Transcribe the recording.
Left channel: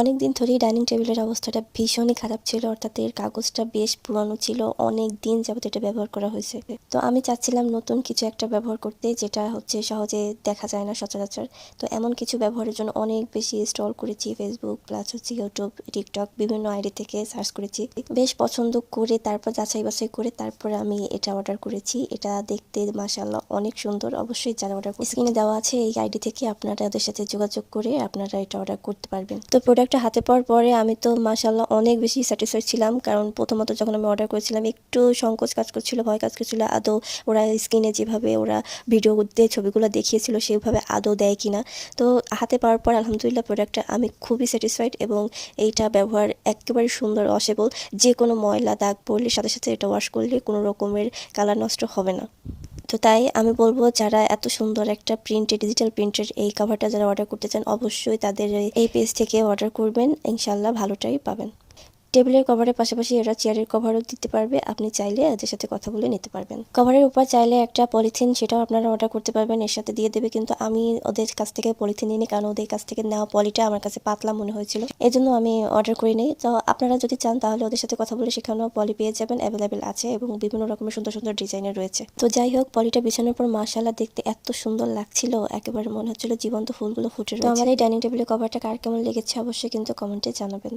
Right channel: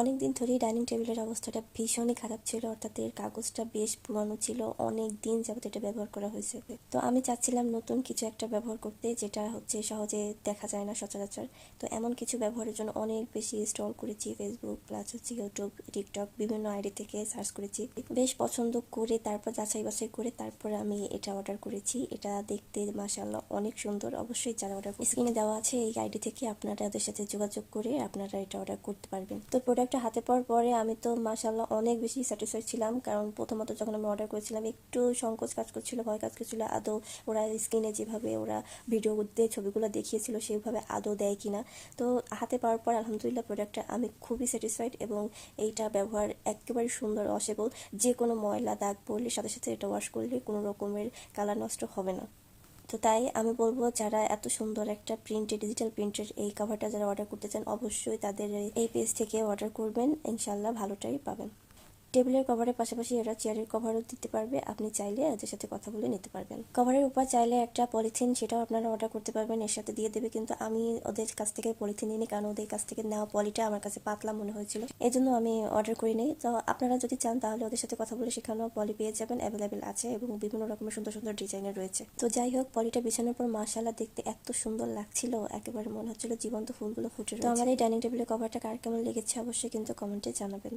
অনেক দিন ধরেই ডাইনিং টেবিলের অবস্থাটা ভীষণই খারাপ ছিল, অর্থাৎ এর কাগজটা বেশ পুরানো ছিল, অনেক দিন যাবত এটা ব্যবহার করা হয়েছে। তো আমি চাচ্ছিলাম নতুন কিছু একটা ব্যবহার করতে, যেটা হচ্ছে সহজে দেখা যায় না সচরাচর। তো এমন কিছু ব্যবহারের জন্য অনেক বেশি স্টল করেছি, ফেসবুক প্লাস হচ্ছে ইউটিউব, টিকটক, বিভিন্ন আইডি থেকে সার্চ করেছি। বেশ পছন্দ করে তারপর যাচাই বাছাই করে তারপরে আমি এটা অর্ডার করেছি। এটা দেখতে মাশাআল্লাহ অনেক সুন্দর। অবশ্যই যারা অর্ডার স্ক্রিনে দেওয়া আছে এই আইডি থেকে আপনারা ওদের সাথে যোগাযোগ করে আপনারা এটা অর্ডার করতে পারবেন। তো প্রোডাক্টটা হাতে পাওয়ার পরে আমি তো মাশাআল্লাহ অনেক বেশি স্যাটিসফাইড ছিলাম, কারণ প্রথমত যখন আমি অর্ডার করেছিলাম একটু সংকোচ কাজ করছিল, ভয় কাজ করছিল আদৌ ওরা স্ক্রিনে যেভাবে ওরা ভিডিওতে ছবিগুলো দেখিয়েছিল সেভাবে আদৌ দেয় কিনা। তো হাতে পাওয়ার পর আলহামদুলিল্লাহ প্রোডাক্টটা আমি খুবই স্যাটিসফাইড, এবং এইটা ব্যবহার একেবারে সুন্দর, ওয়াশেবল। যে কোনো ময়লা দাগ পড়লে সাথে সাথে এটা ওয়াশ করলে কোনো রকমের কালার নষ্ট হবে না। তো তাই আমি বলবো, যারা এত সুন্দর একটা ডিজিটাল প্রিন্টের এই কভারটা যারা অর্ডার করতে চান, অবশ্যই তাদের এই পেজ থেকে অর্ডার করবেন, ইনশাল্লাহ ভালোটাই পাবেন। টেবিলের কভারের পাশাপাশি এরা চেয়ারের কভারও দিতে পারবে, আপনি চাইলে এদের সাথে কথা বলে নিতে পারবেন। কভারের উপর চাইলে একটা পলিথিন, সেটাও আপনারা অর্ডার করতে পারবেন, এর সাথে দিয়ে দেবে। কিন্তু আমি ওদের কাছ থেকে পলিথিন নিইনি, কারণ ওদের কাছ থেকে নেওয়া পলিটা আমার কাছে পাতলা মনে হয়েছিল, এই জন্য আমি অর্ডার করি নাই। তো আপনারা যদি চান তাহলে ওদের সাথে কথা বলে সেখানেও পলি পেয়ে যাবেন, অ্যাভেলেবেল আছে এবং বিভিন্ন রকমের সুন্দর সুন্দর ডিজাইনের রয়েছে। তো যাই হোক, পলিটা বিছানোর পর মাশাআল্লাহ দেখতে এত সুন্দর লাগছিল, একেবারে মনে হচ্ছিল জীবন্ত ফুলগুলো ফুটে রয়েছে। তো আমার এই ডাইনিং টেবিলের কভারটা কার কেমন লেগেছে অবশ্যই কিন্তু কমেন্টে জানাবেন।